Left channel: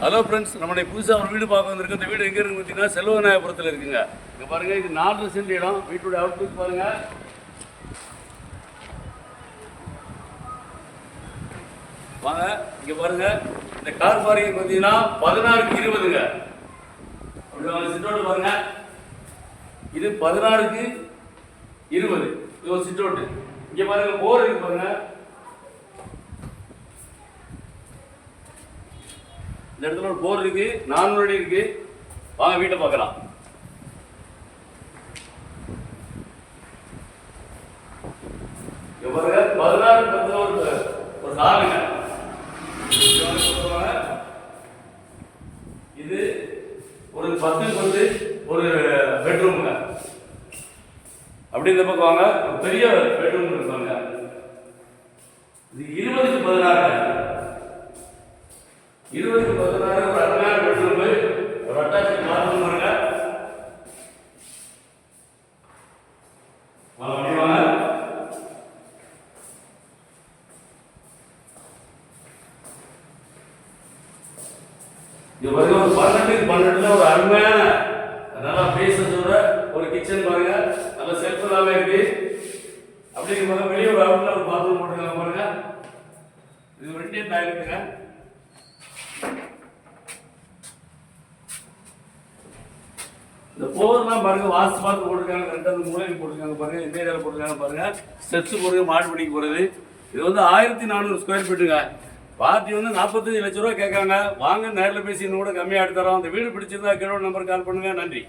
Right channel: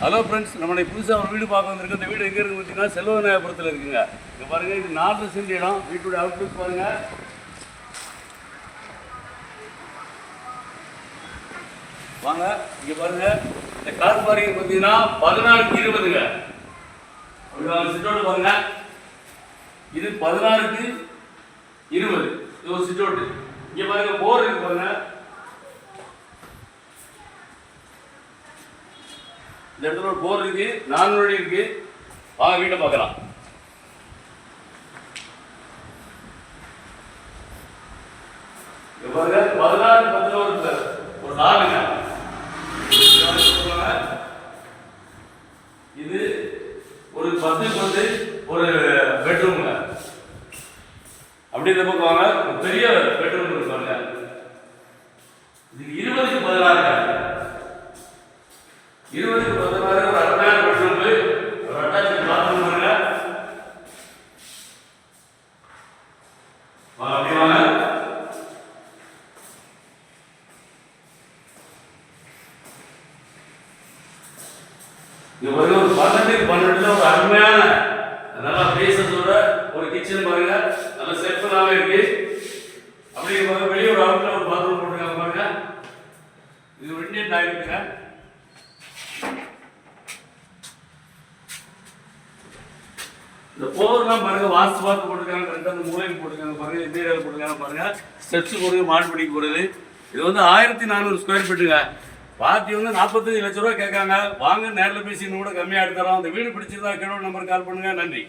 Hello friends, நம்ம புதுசாக ஒரு வீடு பார்க்க வந்திருக்கு. இந்த வீடு எங்கே இருக்குது பார்த்தீங்கன்னா செல்வநாயகபுரத்தில் இருக்குங்க. இப்போ பாருங்கள், இது 4 சென்ட் இடம். வீட்டுடைய அவுட்லுக் பாருங்கள். வாங்க இங்கே பாருங்கள். இந்த கார் பார்க்கிங் பார்த்தீங்கன்னா 16க்கு 20ங்க. அப்படி வாங்க, சிட்டோட்டு பாருங்கள். இது 16க்கு 20. இது ஒரு சிட்டோட்டு. இங்கே பாருங்கள், போர் இருக்கு பாருங்கள். இந்த இடத்துல ஒரு போர் இருக்கு, 4 வழி இருக்கு. வாங்க வீட்டை பார்க்கலாம். பாருங்க, 16 ஒரு ஹாலுங்க. இது ஒரு 10 ஒரு பெட்ரூம்ங்க. அப்படி இந்த பக்கம் வாங்க, பெரிய பெட்ரூம் இருப்பாங்க. இது 20க்கு 16. 20க்கு 16 ஒரு அருமையான பெட்ரூம். ஒரு அட்டாச் பாத்ரூம் பாருங்க. அப்படி வாங்க. இது பாருங்க, ஒரு 12 ஒரு அருமையான நல்லா பேசத்தோட ஒரு கிச்சன் பாருங்க. நல்ல செல்ஃபெல்லாம் இருக்கு. அப்படி பாருங்க, வெளியே ஒரு அவுட்ல ஒரு பாத்ரூம் போட்டுருக்காங்க பாருங்க. இது ஒரு இந்தியன் டாய்லெட்டுங்க. இந்த போர்லாம் பாருங்க, வாஸ்து பார்த்து போட்டுருக்காங்க. 2 மூலையில் போட்டுருக்காங்க பாருங்க. இந்த ஏரியாவில் போட்டுருக்காங்க பாருங்க. ஸ்டெப்ஸ் போடுறது, மாடிப்படிக்கு போகிறது. இது வந்து 1400 ஸ்கொயர் ஃபீட்டுங்க. பார்ட்டி வந்து 45 லட்ச ரூபா கேட்காங்க. வாங்க, நேரில் பேசி இன்னும் கூட கம்மியாக எடுத்துறோம். அந்த வீடு பிடிச்சிருந்தா கீழே நம்பருக்கு கால் பண்ணுங்க. நன்றி.